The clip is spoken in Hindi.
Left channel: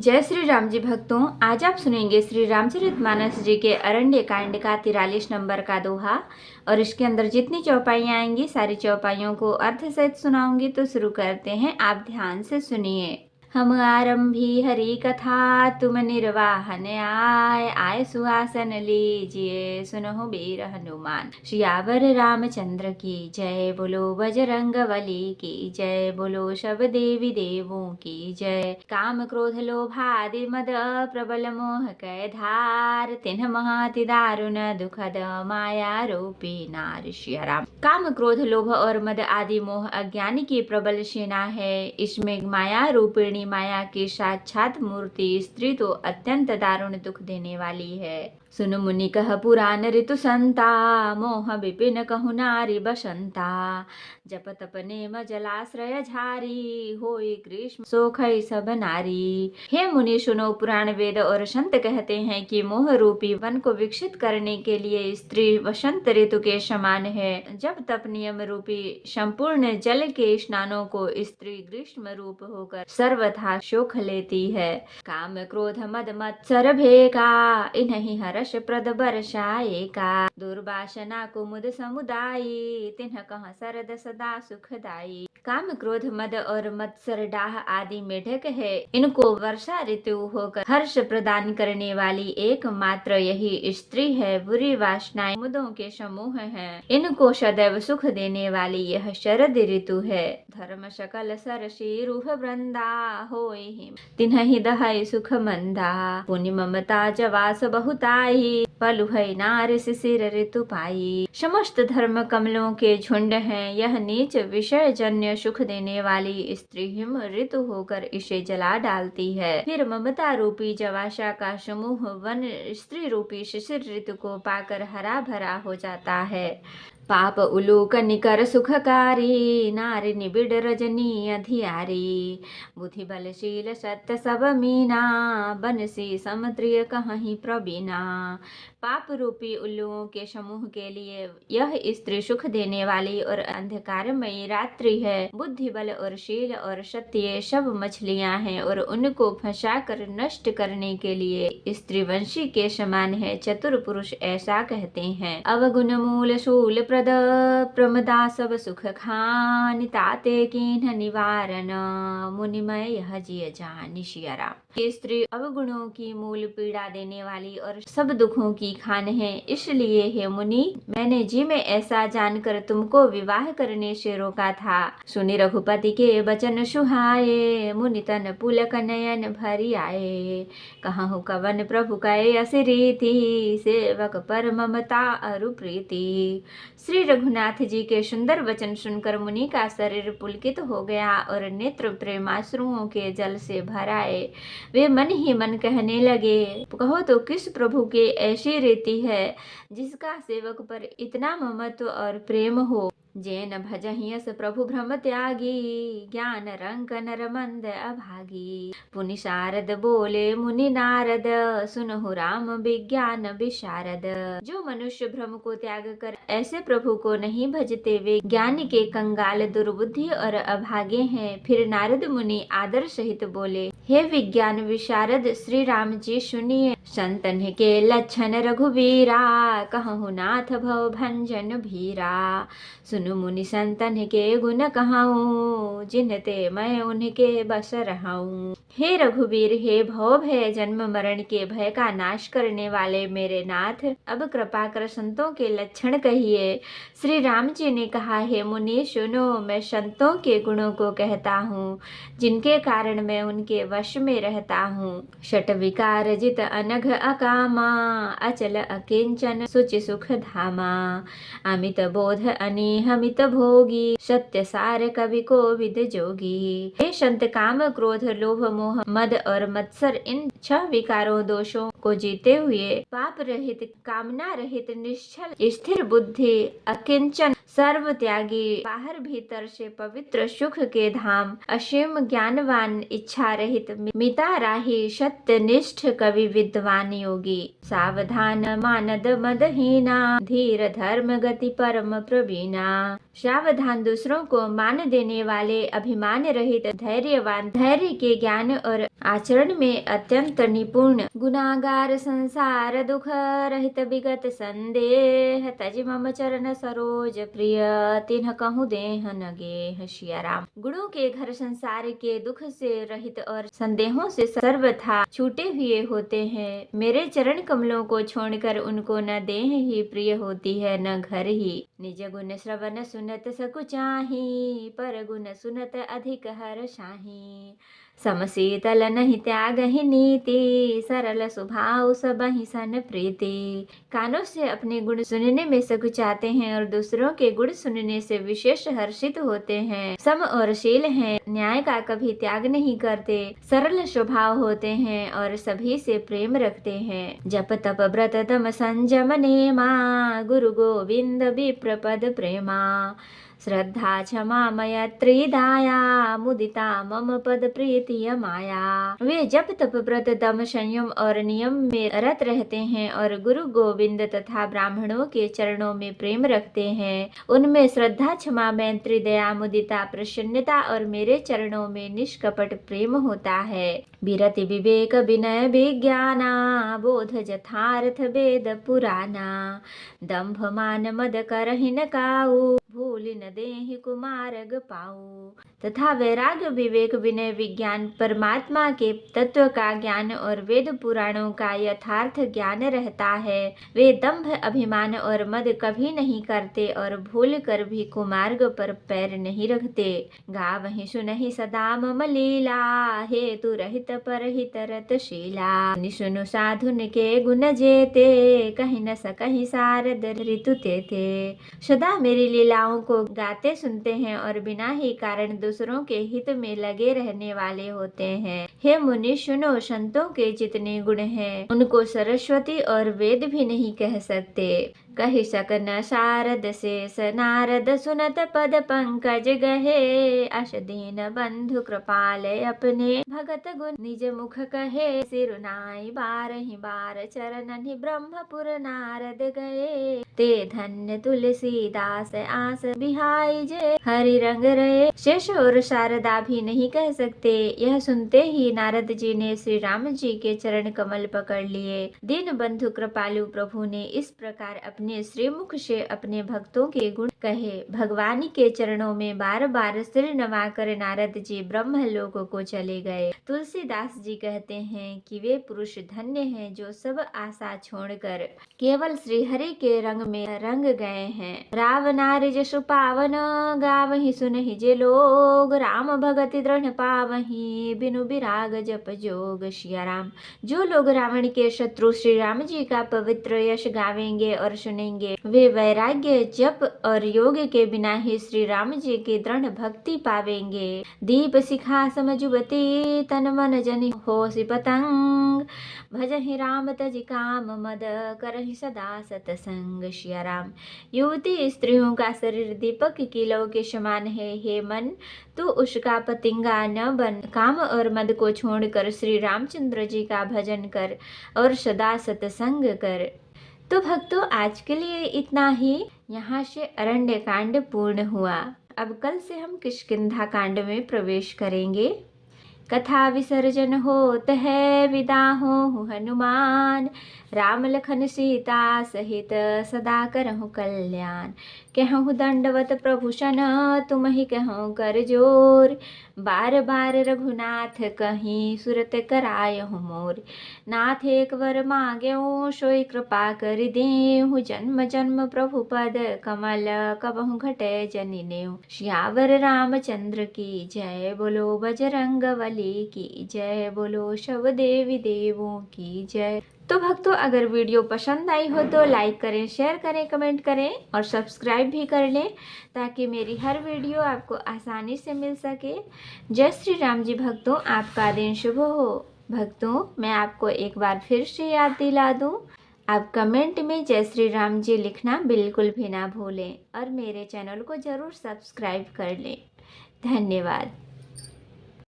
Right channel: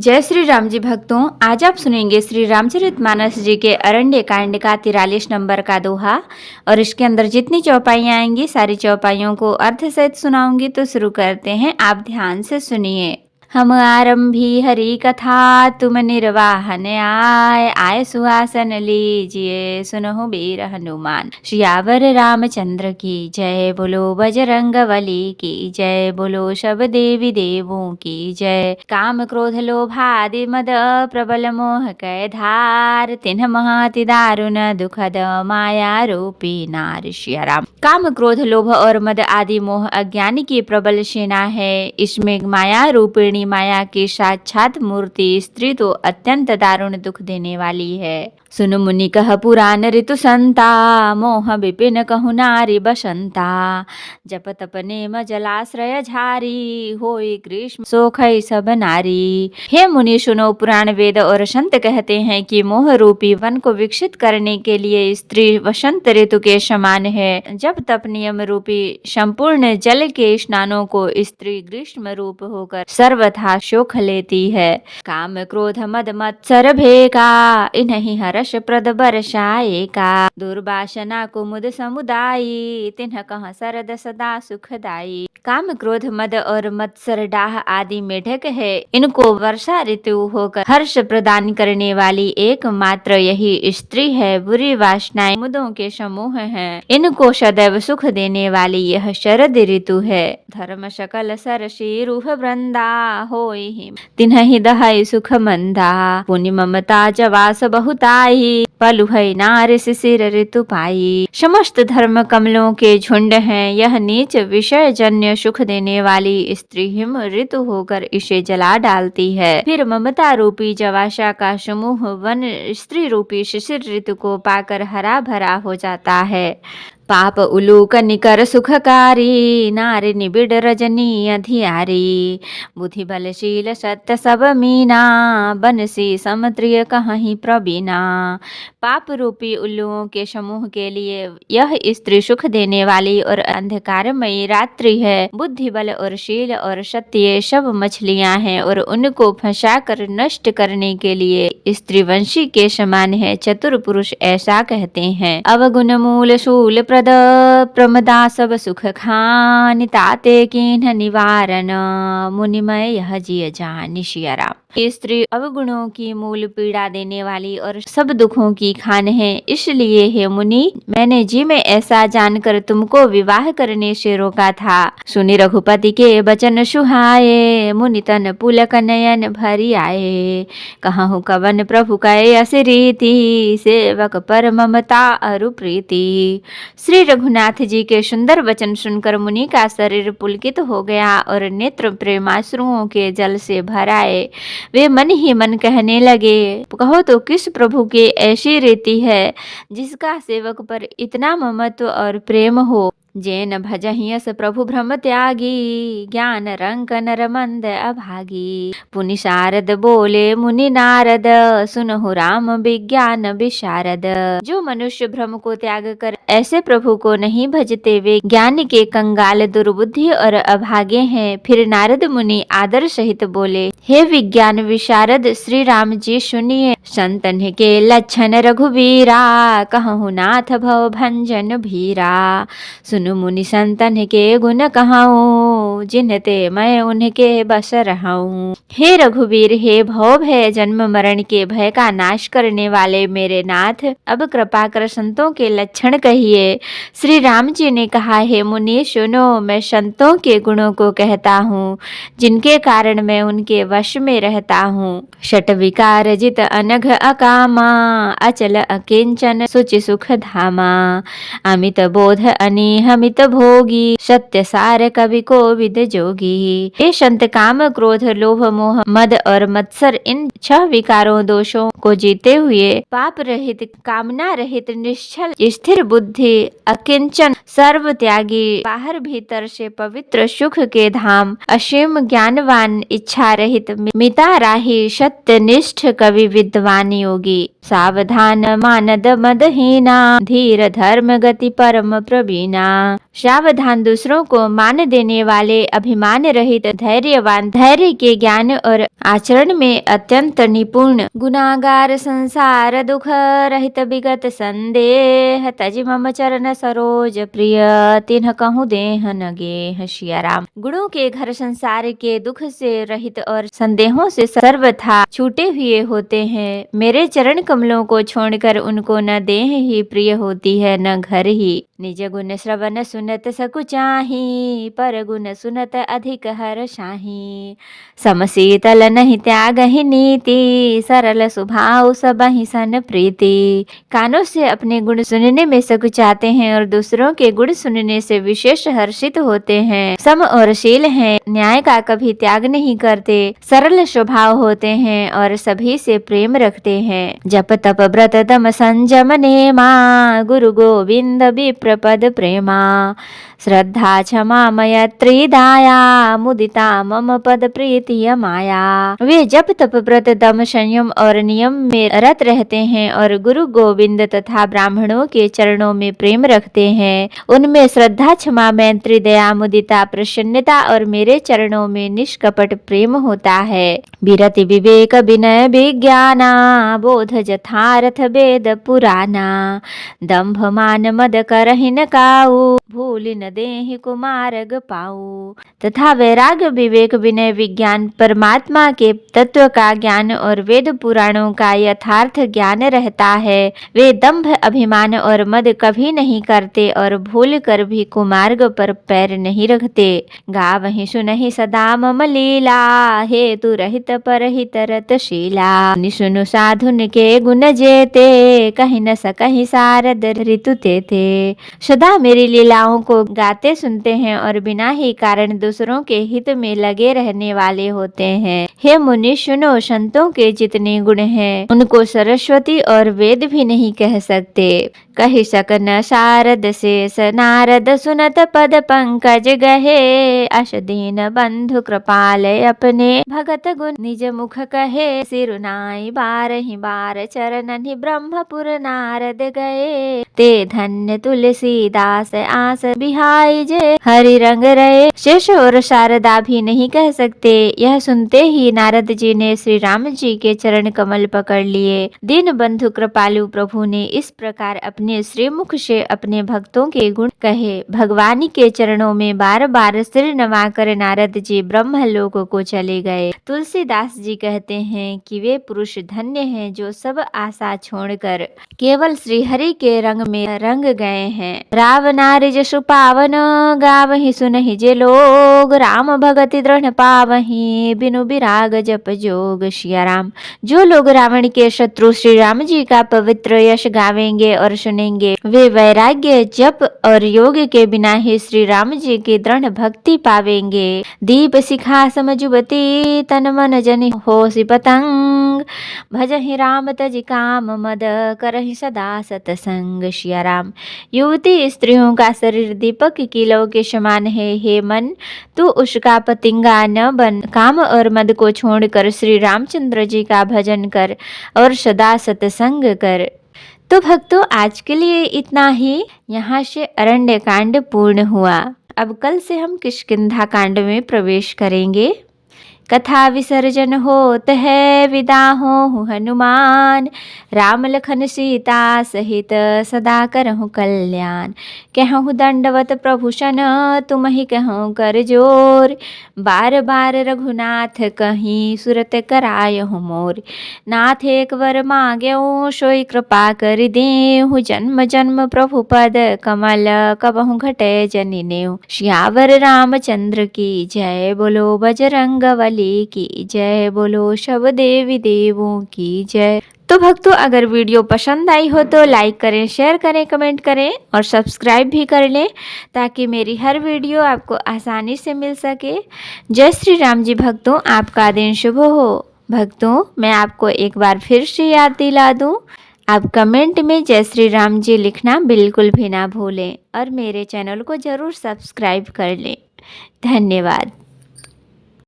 जय श्री राम जी भक्तों, आज आप सुनेंगे श्री रामचरितमानस जी के अरण्य कांड का 43 नंबर का दोहा। और इसके अंदर जितनी चौपाइयाँ आएंगी सारी चौपाइयों को अर्थ सहित सुनाऊंगी। तो शुरू करते हैं, आप ध्यान से सुनिए। हम आरंभी हरि कथा, तुम निर्वाहन आय सुहासन लीजिए, सुनहु वीर हनुमान। सियावर रामचंद्र की जय, बोलो बजरंग बली की जय, बोलो सब देवी देवों की जय। काम क्रोध लोभ आदि मद प्रबल मोह कै धार, तिन्ह महाति दारुण दुखद माया रूपी नार। सिया राम। काम क्रोध लोभ और मद आदि मोह अज्ञानी की प्रबल सेना है। इसमें माया रूपिणी माया की साक्षात मूर्ति स्त्री तो अत्यंत दारुण दुख देने वाली है। सुन मुनि कह पुराण ऋतु संता, मोह विपिन कहु नारी बसंता। जप तप नेम जलाश्रय झारी, होई ग्रीष्म सोखई सब नारी। हे मुनि सुनो, पुराण वेद और संत कहते हैं कि मोह रूपी वन को विकसित करने के लिए स्त्री वसंत ऋतु के समान है। जब तप नियम रूपी संपूर्ण जल के स्नानों को स्त्री ग्रीष्म रूप होकर सर्वथा शोख लेती है। काम क्रोध मद मत्सर भेका, इन्हीं हर्ष प्रद बरसाएका। दुर्वासना कुमुद समुदायी, तिन्ह कह सरद सदा सुखदाई। काम क्रोध मद और मत्सर डाह आदि मेढक है। इनको वर्षा ऋतु होकर हर्ष प्रदान करने वाली एकमात्र यही स्त्री है। बुरी वासनाएं मुदों के समूह हैं। इनको सदैव सुख देने वाली यह शरद ऋतु है। धर्म सकल सरसी रूह वृंदा, होई तिन्हि दहै सुख मंदा। पुनि ममता जवास बहुताई, पलुहै नार शिशिर ऋतु पाई। समस्त धर्म कमलों के झुंड हैं। यह नीच विषय जन्य सुख देने वाली स्त्री हिम ऋतु होकर इसे जला डालती है। फिर ममता रूपी जवासा का समूह वन स्त्री रूपी शिशिर ऋतु को पाकर हरा भरा हो जाता है। पाप उलूक निकर सुखकारी, नारी निबिड़ रजनी अधियारी। बुद्धि बलशील सत्य सब मीना, बनसी समत्रिय कहीं प्रवीणा। पाप रूपी उल्लुओं के समूह के लिए यह स्त्री सुख देने वाली और अंधकारमयी रात्रि है। बुद्धि बल और शील और सत्य सब मछलियां हैं और उनको फंसाकर नष्ट करने के लिए स्त्री वंशी के समान है। चतुर पुरुष ऐसा कहते हैं। अवगुण मूल शूल प्रद, प्रमदा सब सुख खान। ताते किन्ह निवारण, मुनिमय यह जिय जान। सिया राम। स्त्री अवगुणों की मूल पीड़ा देने वाली और सब दुखों की खान है। इसलिए हे मुनि, मैंने जी में ऐसा जानकर तुमको विवाह करने से रोका था। सुनि रघुपति के बचन सुहाए, मुनि तन पुलक नयन भरी आए। कहूँ कवन प्रभु कै अस रीति, सेवक पर ममता अरु प्रीति। श्री रघुनाथ जी के सुंदर वचन सुनकर मुनि का शरीर पुलकित हो गया और नेत्र प्रेमाश्रुओं के जल से भर आए। वे मन ही मन कहने लगे, कहो तो किस प्रभु की ऐसी रीति है जिसका सेवक पर इतना ममत्व और प्रेम हो। जैन भजहियस प्रभु भ्रम त्यागी, ज्ञान रंक नर मंद अभागी। पुनि शारद बोले मुनि नारद, सुनहु राम विज्ञान विशारद। जो मनुष्य भ्रम को त्याग कर ऐसे प्रभु को नहीं भजते वे ज्ञान के कंगाल दुर्बुद्धि और अभागे हैं। फिर नारद मुनि आदर सहित बोले, हे विज्ञान विशारद श्री राम जी सुनिए। संतन के लक्षण रघुवीरा, कहूँ नाथ भव भंजन भीरा। सुनु मुनि संतन के गुण कहाऊं, जिनते मैं उनके बस रहाऊं। हे रघुवीर, हे भव भय जन्म मरण के भय का नाश करने वाले मेरे नाथ, अब कृपा कर संतों के लक्षण कहिए। श्री राम जी ने कहा, हे मुनि सुनो, मैं संतों के गुणों को कहता हूँ, जिनके कारण मैं उनके वश में रहता हूँ। षट विकार जित अनघ अकामा, अचल अकिंचन सुचि सुख धामा। अमित बोध अनिहमित भोगी, सत्य सार कवि कोविद जोगी। हे संत, काम क्रोध लोभ मोह मद और मत्सर इन 6 विकारों दोषों को जीते हुए पाप रहित कामना रहित निश्चल स्थिर बुद्धि अकिंचन सर्व त्यागी, बाहर भीतर से पवित्र सुख के धाम, असीम ज्ञानवान इच्छा रहित मिता राही सत्यनिष्ठ कवि विद्वान योगी। सावधान मानद मदहीना, धीर धर्म गति परम प्रवीणा। सावधान, दूसरों को मान देने वाले, अभिमान रहित, धैर्यवान, धैर्य के ज्ञान और आचरण में अत्यंत निपुण, गुनागार, संसार दुख रहित, विगत संदेह, तज मम चरण सरोज प्रिय, तिन्ह कहूँ देह न गेह। सिया राम। गुणों के घर संसार के दुख से रहित और संदेहों से सर्वथा छूटे हुए होते हैं। मेरे चरण कमलों को छोड़कर उनको न देह ही प्रिय होती है न घर ही। निज गुण श्रवण सुनत सकुचाही, पर गुण सुनत अधिक हर शाही। समशीतल नहीं त्याग ही नीति, सरल स्वभाव सबहि सन प्रीति। कानों से अपने गुण सुनने में सकुचाते हैं और दूसरों के गुण सुनने से विशेष हर्षित होते हैं। सम और शील हैं, न्याय का कभी त्याग नहीं करते, सरल स्वभाव होते हैं और सभी से प्रेम रखते हैं। जप तप व्रत दम संयम नेमा, गुरु गोविंद विप्र पद प्रेमा। श्रद्धा क्षमा मैत्री दाया, मुदिता मम पद प्रीतिय माया। वे जप तप व्रत दम संयम और नियम में रत रहते हैं और गुरु गोविंद तथा ब्राह्मणों के चरणों में प्रेम रखते हैं। उनमें श्रद्धा, क्षमा, मैत्री, दया, मुदिता, प्रसन्नता और मेरे चरणों में निष्कपट प्रेम होता है। विरति विवेक विनय विज्ञाना, बोध जथारथ वेद पुराना। दंभ मान मद करहि न काऊ, भूल न देहि कुमार्ग पाऊ। तथा वैराग्य, विवेक, विनय, विज्ञान, परमात्मा के तत्व का ज्ञान और वेद पुराणों का यथार्थ ज्ञान रहता है। वे दंभ, अभिमान और मद कभी नहीं करते और भूल कर भी कुमार्ग पर पैर नहीं रखते। गावहि सुनहि सदा मम लीला, हेतु रहित परहित रतशीला। निसुनु साधुन के गुण जेते, कहि न सकहि सारद ऋतु तेते। सदा मेरी लीलाओं को गाते सुनते हैं और बिना ही कारण दूसरों के हित में लगे रहने वाले होते हैं। हे मुनि सुनो, संतों के जितने गुण हैं उनको सरस्वती और वेद भी नहीं कह सकते। कहि सकन शारद शेष नारद, सुनत पद पंकज गहे। अस दीन बंधु कृपाल अपने, भगत गुण निज मुख कहे। सिरुनाई बारहि बार चरणनि, ब्रह्मपुर नारद गए। ते धन्य तुलसीदास, आस बिहाई जे हरि रंग रहे। शेष और शारदा भी नहीं कह सकते। यह सुनते ही नारद जी ने श्री राम जी के चरण कमल पकड़ लिए। दीन बंधु कृपालु प्रभु ने इस प्रकार अपने श्रीमुख से अपने भक्तों के गुण कहे। भगवान के चरणों में बार बार सिर नवाकर नारद जी ब्रह्मलोक को चले गए। तुलसीदास जी कहते हैं कि वे पुरुष धन्य हैं जो सब आशा छोड़कर केवल श्री हरि के रंग में रंग गए हैं। रावनारि जसु पावन, गावहि सुनहि जे लोग। राम भगति दृढ़ पावहि, बिनु विराग जप जोग। सिया राम। जो लोग रावण के शत्रु श्री राम जी का पवित्र यश गावेंगे और सुनेंगे, वे वैराग्य, जप और योग के बिना ही श्री राम जी की दृढ़ भक्ति पावेंगे। दीप शिखा सम जुबती, तन मन जन होसि पतंग। भजहि राम तज काम मद, करहि सदा सतसंग। सिया राम। युवती स्त्रियों का शरीर दीपक की लौ के समान है। हे मन, तू उसका पतिंगा न बन। काम और मद को छोड़कर श्री रामचंद्र जी का भजन कर और सदा सत्संग कर। तो भक्तों, आज के लिए इतना ही। यहाँ से अरण्य कांड पूर्ण हुआ। अब कल से हम किष्किंधा कांड में प्रवेश करेंगे। कथा विसर्जन होत है, विदा हो हनुमान। राम लखन सीता सहित, सदा करहु कल्याण। कहूँ दंडवत प्रभु सन, तुम ही कहूँ कर जोर। बार बार रघुनाथ कहीं, सुरत करायहु मोर। नाथ एक वर मांग्यऊ, सोई कृपा कर देहु। जन्म जन्म प्रभु पद कमल, कबहु घटे जनि नेउ। सियावर रामचंद्र की जय, बोलो बजरंगबली की जय, बोलो सब देवी देवों की जय। तो भक्तों, अगर वीडियो पसंद आई हो तो लाइक करें, शेयर करें, कमेंट करें और सब्सक्राइब भी कर लें, ताकि मेरी हर वीडियो आपको आसानी से मिल सके। जय श्री राम जी। भक्तों, आपका दिन शुभ हो। भक्तों, मैं आपको एक बार फिर से याद दिला दूं, आप कमेंट में जय श्री राम जी लिखना बिल्कुल भी ना भूलें और मेरे चैनल को ज़रूर सब्सक्राइब कर लें। धन्यवाद।